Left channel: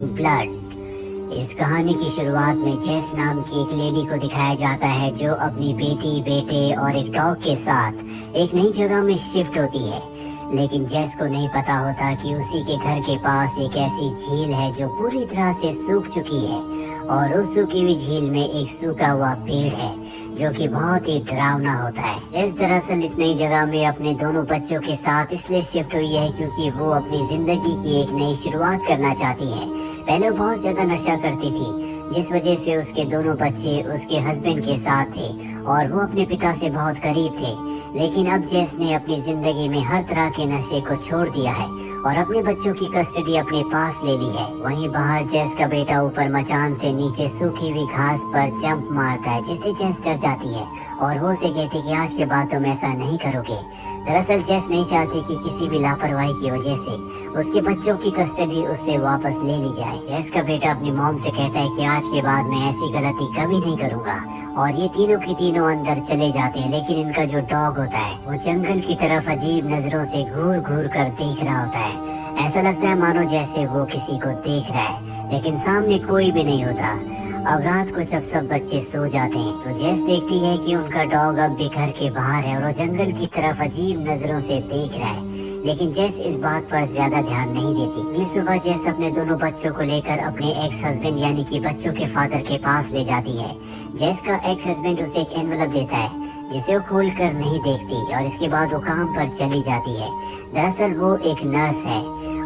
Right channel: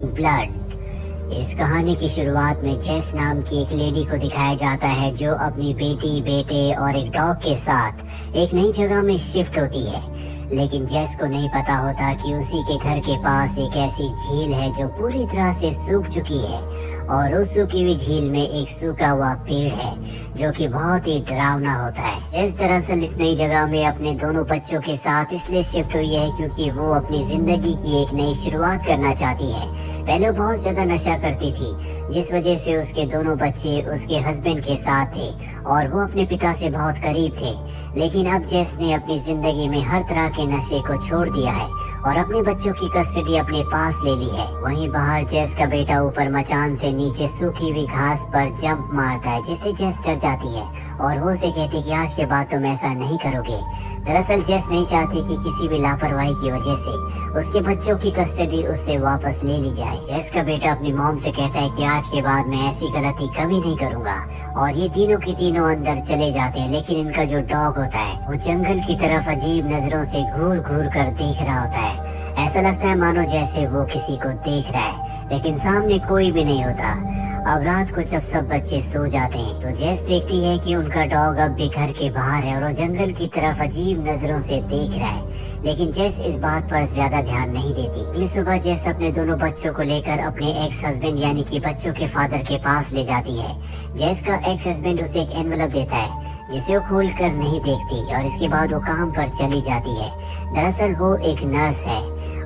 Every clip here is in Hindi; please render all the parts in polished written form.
ब्लड। इस कहानी की शुरुआत में जेस नाम की एक लेडी को दिखाया जाता है जो अपनी बेटी, बेटे और एक डॉग के साथ एक नई जगह में शिफ्ट होती है। लेकिन जेस को नहीं पता होता कि उसी के घर के पास एक ऐसी झील है जो पूरी तरह से सूख चुकी है और उस सूखी हुई झील में एक सूखा हुआ पेड़ है जो कि बहुत ही डरावना होता है। इस दरअसल इस नई जगह में अपने दोनों बच्चों के साथ इसलिए शिफ्ट हुई है क्योंकि वो अपनी जिंदगी की एक नई शुरुआत करना चाहती है। पहले वो बहुत ज्यादा नशा करती थी जिस वजह से उसके दोनों बच्चे उसके हस्बैंड के साथ थे और वो अपने पिता से बहुत करीब थे। लेकिन अब जेस ने अपनी जिंदगी में हर तरह के नशे को छोड़ दिया है और अपने बच्चों की कस्टडी अपने पास ले ली है। वहीं बाहर जेस का बेटा ऊपर मचान से नीचे सूखी हुई घास पर जंप मारता है जिससे जेस डर जाती है और वो उसे कहती कि आज के बाद तुम ऐसा नहीं करोगे। दरअसल जेस नहीं चाहती कि किसी भी लापरवाही की वजह से उसके बच्चों की कस्टडी उससे वापस ले ली जाए। जेस का बेटा अपनी मॉम से कहता है कि आज के बाद मैं ऐसी गलती कभी नहीं करूंगा और ये तीनों के तीनों अंदर चले जाते हैं। लेकिन इनका जो डॉग होता है वो जंगल की तरफ अजीब नजरों से घूर घूर कर देख रहा होता है। ऐसा लगता है मानो जैसे वो किसी को देख रहा है लेकिन सामने कोई भी नहीं होता। अब रात को जब सब बच्चे सो जाते हैं तो जेस देखती है कि उनका डॉग अब भी घर के बाहर है और वो जंगल की तरफ अजीब नजरों से देख रहा है। लेकिन जेस इस बात पर ज्यादा ध्यान नहीं देती। इस सुबह जेस अपने दोनों बच्चों को लेकर अपने एक्स हस्बैंड यानी कि बच्चों के फादर के पास ले जाती है। जेस का एक्स हस्बैंड उसे एक एनवलप देता है जिसे वो खोल कर नहीं देखती और इसके बाद वो काम पर चली जाती है। दरअसल वो एक नर्स है।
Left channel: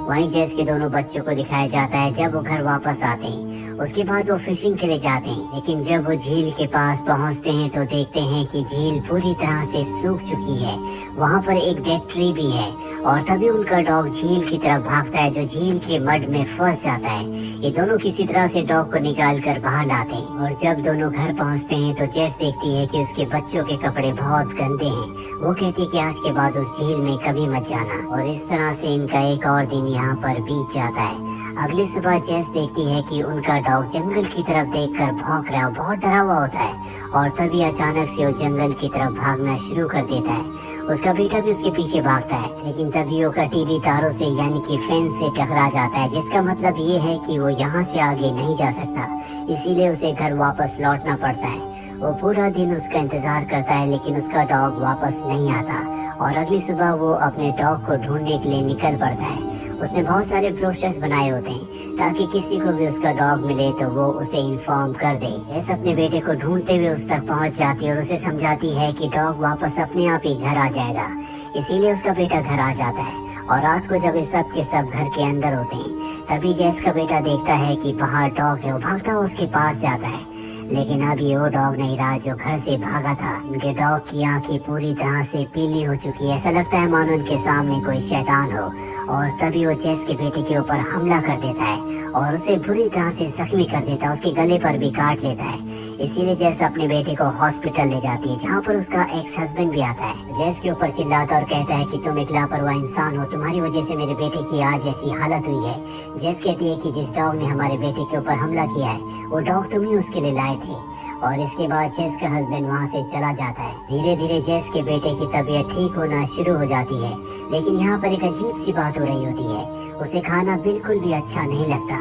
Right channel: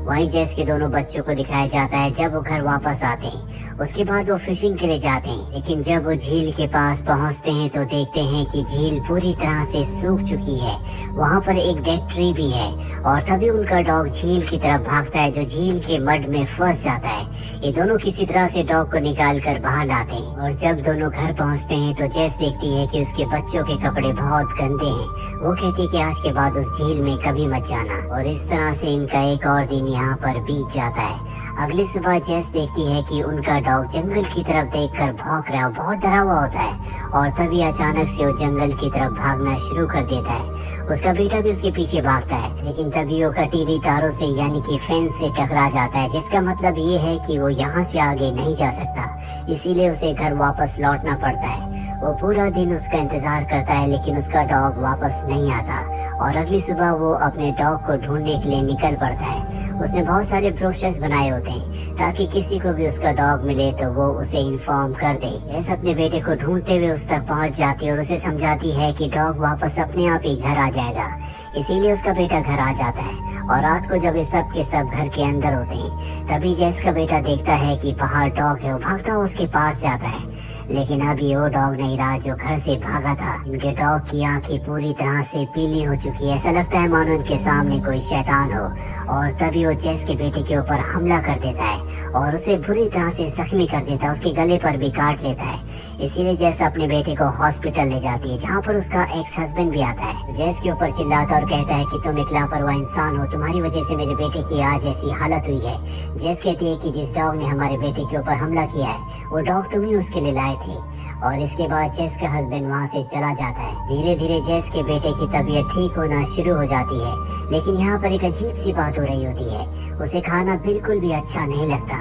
वहीं जेस के दोनों बच्चों को दिखाया जाता है जब वो घर वापस आते हैं। उसके बाद वो फिशिंग के लिए जाते हैं लेकिन जब वो झील के पास पहुंचते हैं तो देखते हैं कि झील पूरी तरह से सूख चुकी है। वहां पर एक डेड ट्री भी है और तभी उनका डॉग झील की तरफ भागता है जो झील के मड में फंस जाता है। ये दोनों किसी तरह से डॉग को निकाल कर बाहर लाते हैं और जब दोनों घर पहुंचते हैं तो जेस देखती है कि उसके बच्चों के कपड़े बहुत गंदे हैं। वो कहती है कि आज के बाद उस झील में कभी मत जाना और इस तरह से इनका एक और दिन यहाँ पर बीत जाता है। अगली सुबह जेस देखती है कि उनका डॉग जंगल की तरफ देखकर भौंक रहा है, बहुत डरा हुआ होता है और तभी अचानक से वो जंगल की तरफ भागना शुरू कर देता है। उसका बेटा भी उसके पीछे भागता है लेकिन तभी वो कटीली तारों से यानी कि फेंस से टकरा जाता है जिसका मतलब ये है कि वो यहाँ से आगे नहीं जा सकता। इसीलिए उसे घर वापस लौटना पड़ता है। वो पूरा दिन उसका इंतजार करता है लेकिन उसका डॉग वापस नहीं आता और अगली सुबह वो अपने डॉग को ढूंढने के लिए निकल पड़ता है। उसने बहुत सारे ब्रोशर्स बनाए होते हैं ताकि किसी को भी उसका डॉग मिले तो वो उसे इन्फॉर्म कर दे। जेस अपने बेटे को ढूंढते हुए उस तक पहुंच जाती है और उसे समझाती है कि डॉग वापस अपने आप ही घर आ जाएगा। इसीलिए उसका बेटा घर आ जाता है और रात को जब इस सब के सब घर के अंदर होते हैं तभी जेस का बेटा देखता है कि बाहर डॉग है। वो भागता हुआ उसके पास जाता है लेकिन अभी वो डॉग नहीं रहा जो घर से भागा था। इनके डॉग की आंखें पूरी तरह से पीली हो चुकी है। ऐसा लगता है मानो इनके सामने कोई शैतान हो और तभी वो जेस के बेटे के ऊपर हमला कर देता है और उसे बुरी तरह से जख्मी कर देता है, उसके गले पर भी काट लेता है। इसीलिए जेस अपने बेटे को हॉस्पिटल ले जाती है जहाँ पर उसका एक्स हस्बैंड भी आता है। जेस के ऊपर चिल्लाता और कहता है कि तुम एक लापरवाह इंसान हो, तुम्हारी वजह से मेरे बेटे की आज ऐसी हालत हुई है। जेस कहती है कि जिस डॉग ने हमारे बेटे के ऊपर हमला किया है वो डॉग तुम ही उसके लिए लाए थे। और इसके बाद जेस का हस्बैंड वहाँ से चला जाता है। धीरे धीरे जेस के बेटे की तबीयत ठीक होना शुरू हो जाती है लेकिन यहाँ पर एक अजीब सी बात हो रही होती है। उसे खाना बिल्कुल भी अच्छा नहीं लगता।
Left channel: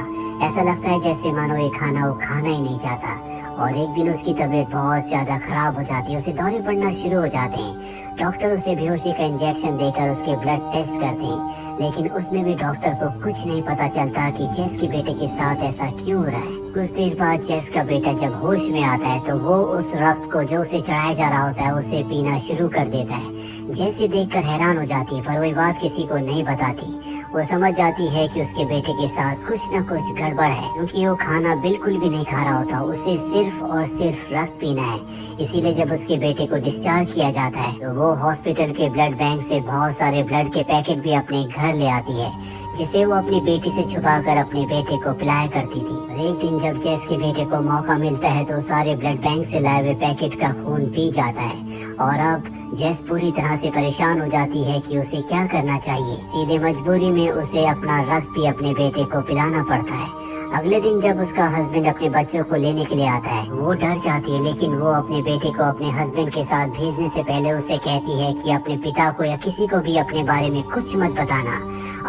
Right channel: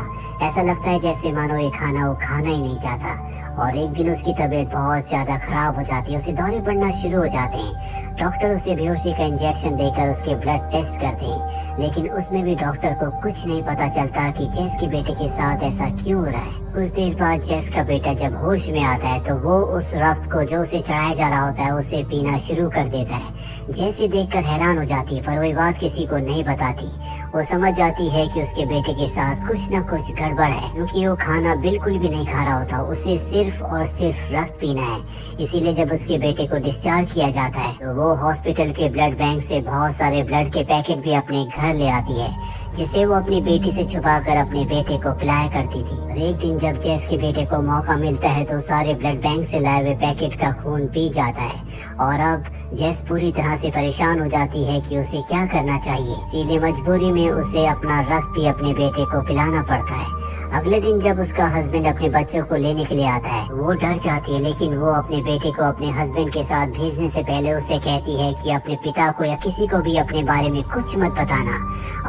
ऐसा लगता है जैसे मानो ये खाना वो खाना ही नहीं चाहता और एक दिन उसकी तबीयत बहुत ज्यादा खराब हो जाती है। उसे दौरे पड़ना शुरू हो जाते हैं। डॉक्टर उसे बेहोशी का इंजेक्शन देकर उसके ब्लड टेस्ट करते हैं लेकिन उसमें भी डॉक्टर को कुछ नहीं पता चलता कि जेस के बेटे के साथ ऐसा क्यों हो रहा है। कुछ देर बाद जेस का बेटा जब होश में आता है तो वो उस रक्त को जो उसे चढ़ाया जा रहा होता है उसे पीना शुरू कर देता है। जेस ये देखकर हैरान हो जाती है पर वही बात किसी को नहीं बताती। वो समझ जाती है कि उसके बेटे के साथ कुछ न कुछ गड़बड़ है क्योंकि वो खाना बिल्कुल भी नहीं खा रहा होता, उसे सिर्फ और सिर्फ रक्त पीना है। इसीलिए जब उसके बेटे को डिस्चार्ज किया जाता है तो वो हॉस्पिटल के ब्लड बैंक से बहुत सारे ब्लड के पैकेट भी अपने घर ले आती है जिसे वो अपनी बेटी से छुपाकर अपने बेटे को पिलाया करती थी। और एक दिन जब जेस के बेटे को मौका मिलता है तो सारे ब्लड बैंक से लाए हुए पैकेट का खून पी जाता है और अब जेस पूरी तरह से परेशान हो जाती है कि उसे क्या करना चाहिए। सीधे मजबूरी में उसे अपना रक्त भी अपने बेटे को पिलाना पड़ता है। अगले दिन जब उसका हस्बैंड अपने बच्चों को लेने के लिए आता है, वो डर जाती है, लेकिन वो अपने बेटे को अपने हस्बैंड के साथ भेजने से पहले उसे कहती है कि अपने पिता को या किसी को भी अपने बारे में कुछ मत बताना।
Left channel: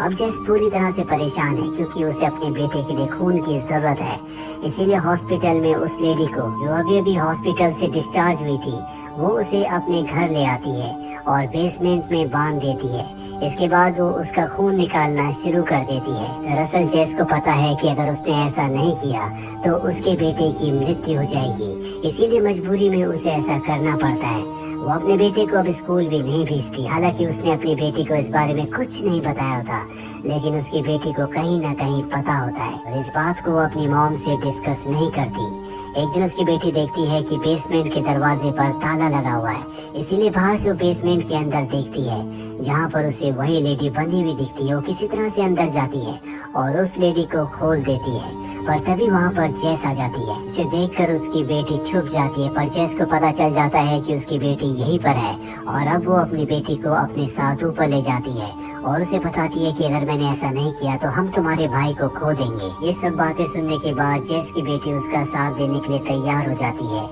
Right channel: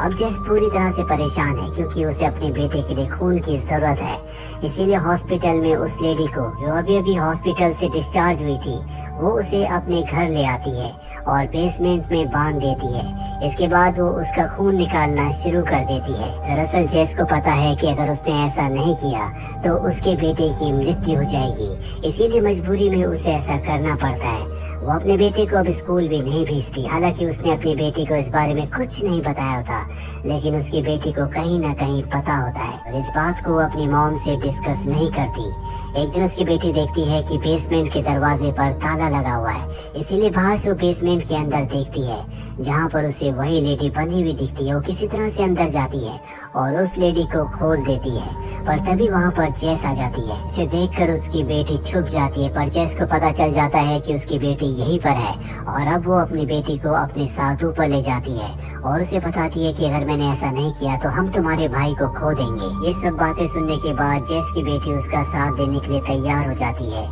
अब जेस पूरी तरह से परेशान है क्योंकि उसे अपने बेटे के लिए खून की जरूरत है। इसीलिए हॉस्पिटल में उस लेडी को, जो अभी अभी हॉस्पिटल से डिस्चार्ज हुई थी, वो उसे अपने घर ले आती है और बेसमेंट में बांध देती है। इसके बाद वो उसका खून निकालना शुरू कर देती है। दरअसल जेस को पता है कि अगर उसने ऐसा नहीं किया तो उसके बेटे की मृत्यु हो जाएगी, इसीलिए मजबूरी में उसे ऐसा करना पड़ता है। वो अपने बेटे को अब स्कूल भी नहीं भेजती, हालांकि उसने अपनी बेटी को इस बारे में कुछ नहीं बताया होता, लेकिन उसकी बेटी को कहीं न कहीं पता होता है और इस बात को अपनी मॉम से डिस्कस नहीं करती। एक दिन उसकी बेटी देखती है कि बेसमेंट के दरवाजे पर ताला लगा हुआ है, इसीलिए बाहर से वो बेसमेंट के अंदर देखती है, जहाँ पर उसे वही लेडी बंधी हुई दिखती है। वो किसी तरह से अंदर जाती है और उस लेडी को खोल देती है, पर तभी वहाँ पर जेस आ जाती है। इसे देखकर उसकी बेटी छुप जाती है, पर जेस को पता चल जाता है कि उसकी बेटी यहीं पर है और अब वो अपनी बेटी को अपने साथ ऊपर ले जाती है और उसे बताती है कि अगर मैंने ऐसा नहीं किया तो हम तुम्हारे भाई को खो देंगे। ये सब बातें सुनने के बाद जेस की बेटी उसका साथ देने के लिए तैयार हो जाती है।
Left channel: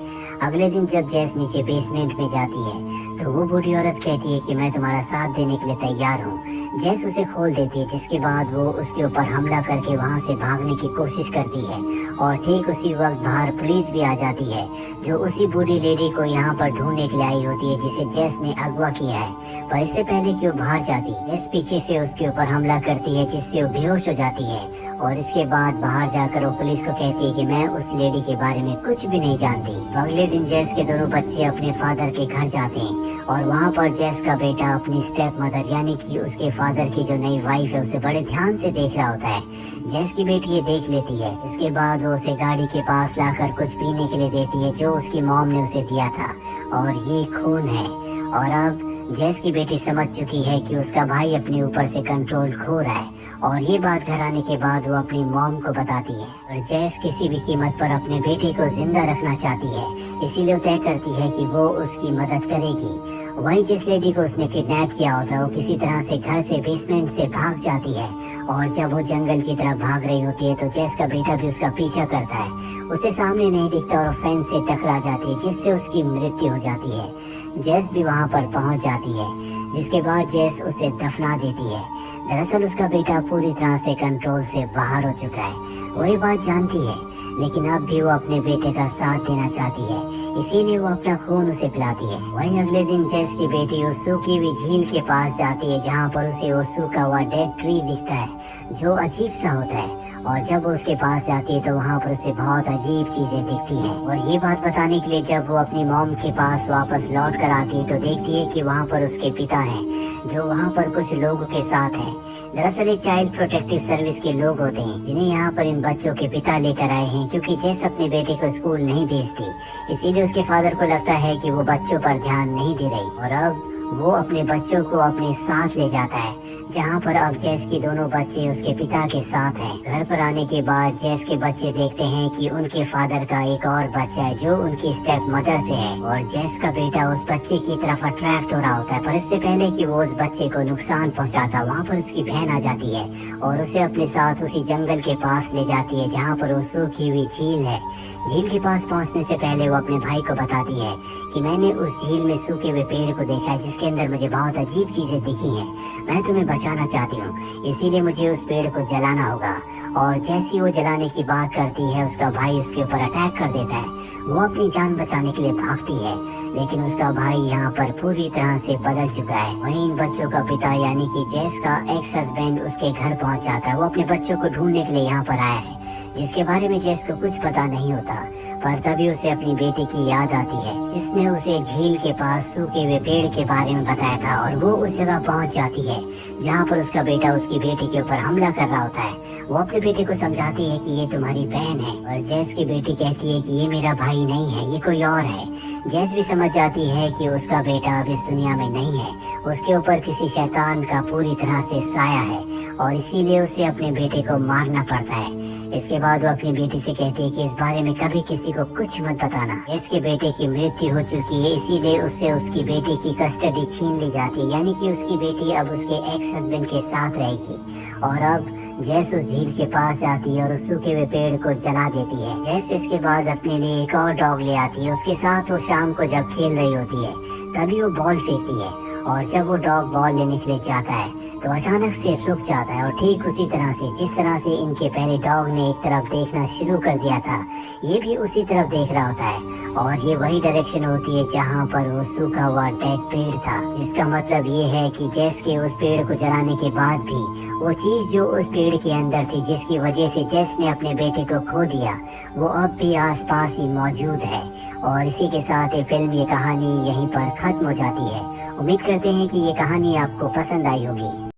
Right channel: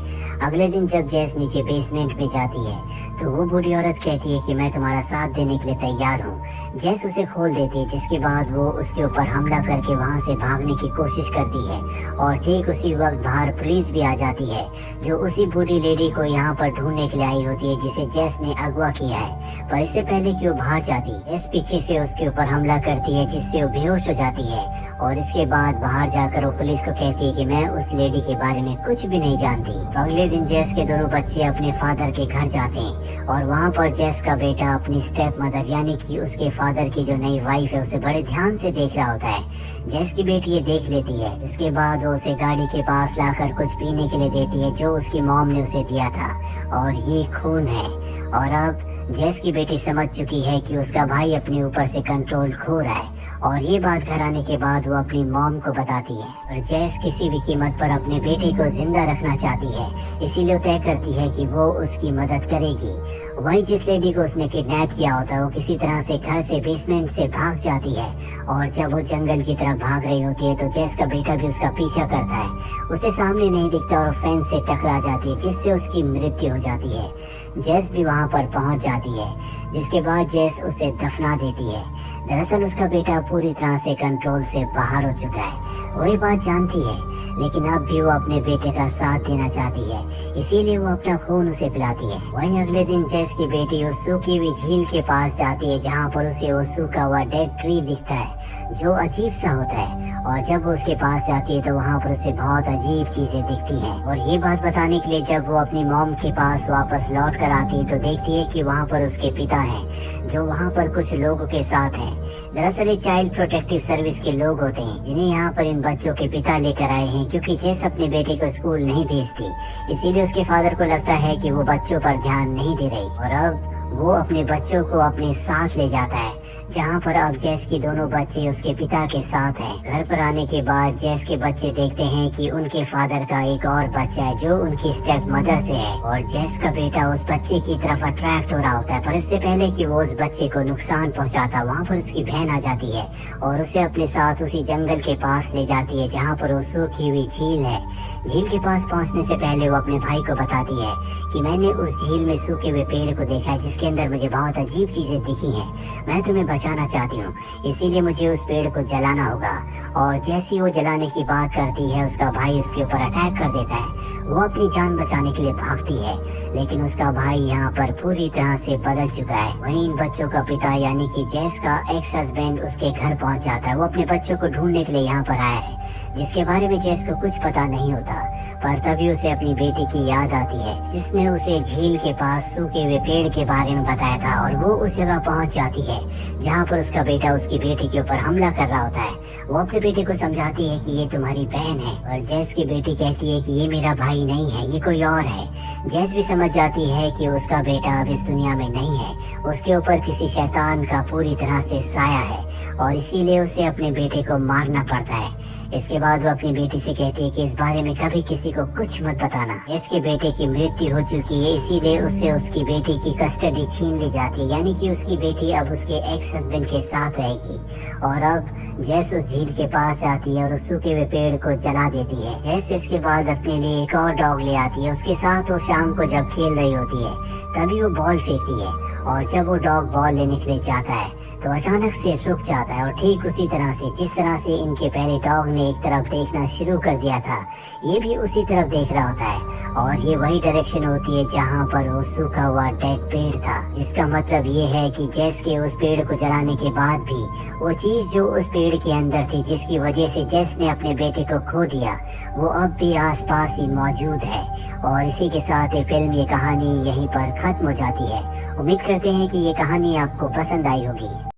अगले दिन जब जेस नीचे बेसमेंट पे जाती है तो वो बूढ़ी औरत कहती है कि मैं तुम्हारा साथ देने के लिए तैयार हूँ। जेस उसे खोल देती है, जिसके बाद वो उसके ऊपर हमला करके वहाँ से भागने की कोशिश करती है और ठीक उसी वक्त बाहर पुलिस भी आ जाती है, जो उसी बूढ़ी लेडी को यहाँ पर ढूंढने के लिए आई होती है जिसे जेस ने अगवा किया है। पर इससे पहले कि वो बाहर जाती है, जेस पीछे से उसके ऊपर हमला करती है, जिससे वो बेहोश हो जाती है और इसके बाद बाहर जाकर वो पुलिस को कहती है कि मैं उस लेडी के बारे में कुछ भी नहीं जानती। तो अगले दिन जेस के दोनों बच्चे अपने फादर के घर जाते हैं और वहाँ पर जेस का बेटा अपनी स्टेप मदर यानी कि उसके फादर की जो नई वाइफ है उसे बड़े ध्यान से देख रहा होता है। जेस की बेटी ये देख लेती है। इसके बाद वो उसे गाड़ी के पास लाकर कुछ पीने के लिए देती है, जो उसकी मॉम ने उसे दिया था, और ये खून है। और अब जेस की बेटी समझ चुकी है कि उसका भाई अपने ऊपर से कंट्रोल खो रहा है और ये बात घर आने के बाद वो अपनी मॉम को बताती है और जेस किसी भी कीमत पर अपने बेटे को जिंदा रखना चाहती है, इसीलिए वो तय करती है कि वो उसकी मदद करेगी। वही जिस लेडी को उसने किडनैप किया होता है वो किसी तरह से घर से बेसमेंट से भाग जाती है और जब वो जंगल की तरफ भाग रही होती है तो जेस का बेटा भी उसका पीछा करता है। उसे सामने नहीं दिखता और फेंस से टकरा जाती है, जिससे उसकी मृत्यु हो जाती है। जेस भी वहाँ पर पहुँच जाती है, जिसके बाद जेस उसे दफना देती है। दरअसल उसका बेटा पूरी तरह से कंट्रोल से बाहर हो चुका है, वही बात जानती है, लेकिन अब भी वो अपने बेटे का साथ देना चाहती है, इसीलिए वो अपना खून उसे पिलाती है। वही अगले दिन जेस की बेटी उस सूखी हुई झील के पास जाती है, जहाँ पर उसे वो सूखा हुआ डेड ट्री दिखता है जो अजीब सा होता है, और जब वो उसके पास जाती है तो वहाँ पर उसे बहुत अजीब चीजें दिखती है। और ये बात बताने के लिए जब वो अपनी मॉम के पास वापस लौट कर आती है तो देखती है कि वहाँ पर उसके पिता है, जो वहाँ पर कुछ लोगों के साथ है। दरअसल ये चाइल्ड प्रोटेक्टिव सर्विस के लोग होते हैं, जिन्हें यहाँ पर इन बच्चों के पिता लेकर आए हैं, क्योंकि जेस अपने बेटे को स्कूल नहीं भेजती, इसीलिए उसके फादर को लगता है कि वो बच्चों पर ध्यान नहीं दे रही, और अब वो अपने बच्चों को अपने साथ ले जाता है, जहाँ पर अब जेस के दोनों बच्चे उसके पिता के साथ हैं। घर पर आने के बाद जेस के बच्चे देखते हैं कि उनके फादर का एक और बच्चा है जो उनकी स्टेप मदर से है, और जेस का बेटा उस बच्चे की तरफ अट्रैक्ट हो रहा होता है, पर इससे पहले कि वो उस बच्चे को नुकसान पहुँचाता, वहाँ पर उसकी बहन आ जाती है और उसे अपने साथ उसी जंगल के पास ले जाती है, जहाँ पर वो सूखी हुई झील है। झील के पास पहुँचने से पहले वो अपने भाई को बताती है कि मैंने उस झील में सूखे हुए पेड़ को देखा है, जिसके अंदर मुझे बहुत अजीब चीजें दिखी है। मैं तुम्हें बचाना चाहती हूँ, इसीलिए मुझे उस पेड़ को जलाना होगा। और जैसी वो जलाने की बात करती है, उसका भाई उसके ऊपर अटैक कर देता है। वो अपनी जान बचाने के लिए भागती है, लेकिन उसका भाई यहाँ पर पूरी तरह से बदल चुका है। वहीं इन बच्चों का पिता यानी कि जेस का एक्स हस्बैंड उसके घर पहुँच जाता है। वो अपने बच्चों को ढूंढने के लिए यहाँ पर आया है, जिसके बारे में जेस को कुछ पता नहीं होता, पर तभी उसे अपनी बेटी की याद आती है, जिसने उसे झील के पास सूखे हुए पेड़ के बारे में बताया था, और वो उस जगह पहुंच जाती है जहाँ पर उसका बेटा उसकी बेटी के ऊपर हमला कर रहा होता है। वो अपने बेटे को समझाती है कि ये तुम्हारी बहन है, और जेस की बेटी कहती है कि ये मेरा भाई नहीं है, ये कोई और है। जेस भी समझ जाती है कि उसका बेटा अब इस दुनिया में नहीं है, उसके ऊपर किसी शैतान का पूरी तरह से साया है, और इसीलिए उसे अपने बेटे को मारना पड़ता है। इसके बाद वो अपनी बेटी से कहती है कि इस बारे में कभी किसी किसी को कुछ मत बताना। इसके बेटे की मृत्यु हो चुकी है, इसीलिए उससे उसकी बेटी की कस्टडी छीन ली जाती, यानी कि उसकी बेटी अब उसके एक्स हस्बैंड के साथ रहेगी। और अब जैस उस झील के पास जाती है और उस सूखे हुए पेड़ को जला देती है। जैस इसके बाद अपने लिए एक और डॉग ले आती है। उसके साथ वो शाम को जब खेल रही होती है तभी वो बॉल फेंकती है, और जब वो डॉग बॉल लेने के लिए जाता है तो अचानक से रुक जाता है। और ठीक उसी तरह से जिस तरह से इनके पहले डॉग ने एक तरफ देखना शुरू कर दिया था, ये भी उसी तरफ देख रहा होता है, और ये वही डायरेक्शन होती है जहाँ पर वो सूखा हुआ डेड पेड़ था। इसका मतलब ये है कि जेस के उस पेड़ को जलाने के बाद भी वो चीज जो उस पेड़ के अंदर थी, जिसकी वजह से जेस ने अपने बेटे को खो दिया, वो अब भी आसपास ही मौजूद है। और इसी के साथ ये फिल्म, ये कहानी यहीं पर खत्म हो जाती है। उम्मीद करते हैं कि ये कहानी आपको पसंद आई होगी।